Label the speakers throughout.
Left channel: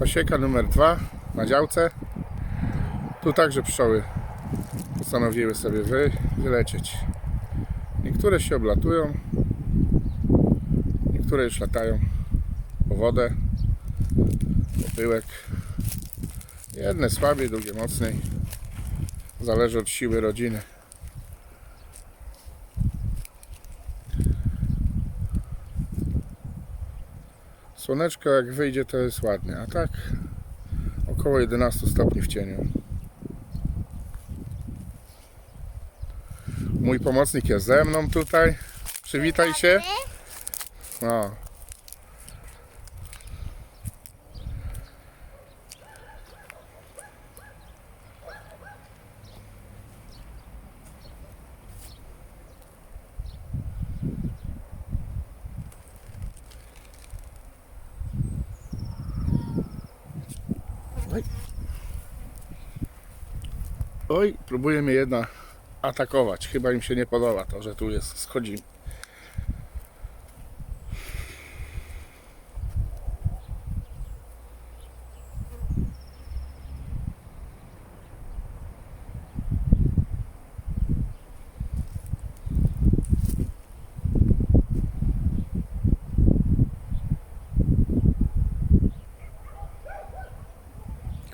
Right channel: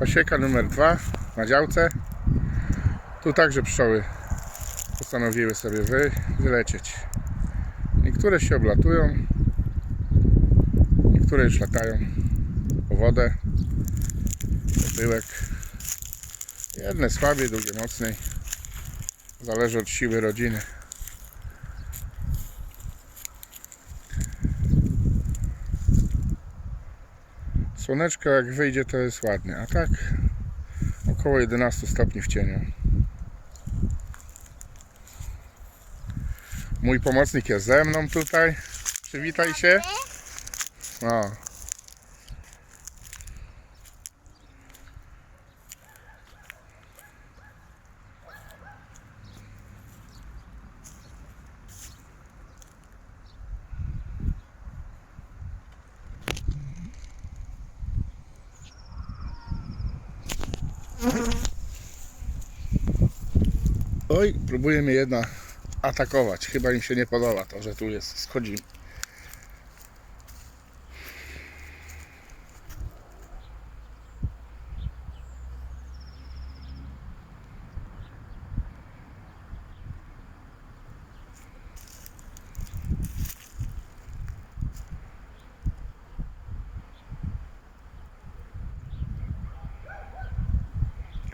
Speaker 1: Pasieka numer dwa na działce. Tu także pszczoły postanowiły sobie wy, wylecieć. Niektóre się oblatują, niektóre już latają po wodę, po pyłek. Jedne słabiej, drugie mocniej. Zależy od siły rodziny. Słoneczko jak wyjdzie to jest ładnie, a tak około 11 stopni w cieniu. Mój pomocnik jest ze mną tutaj. Przywitaj się. No. Oj, próbuje mnie jedna atakować. Chyba im się nie podoba to, że tu jest. Schodzimy.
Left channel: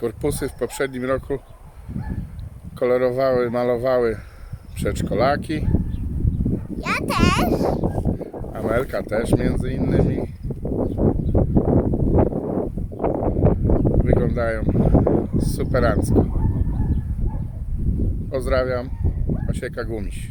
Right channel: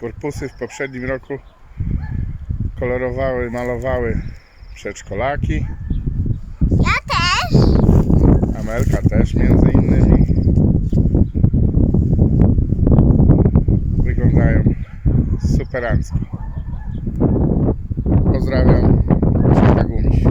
Speaker 1: Korpusy w poprzednim roku kolorowały, malowały przedszkolaki.
Speaker 2: Ja też.
Speaker 1: Amelka też między innymi. Wyglądają superancko. Pozdrawiam. Osieka Gumiś.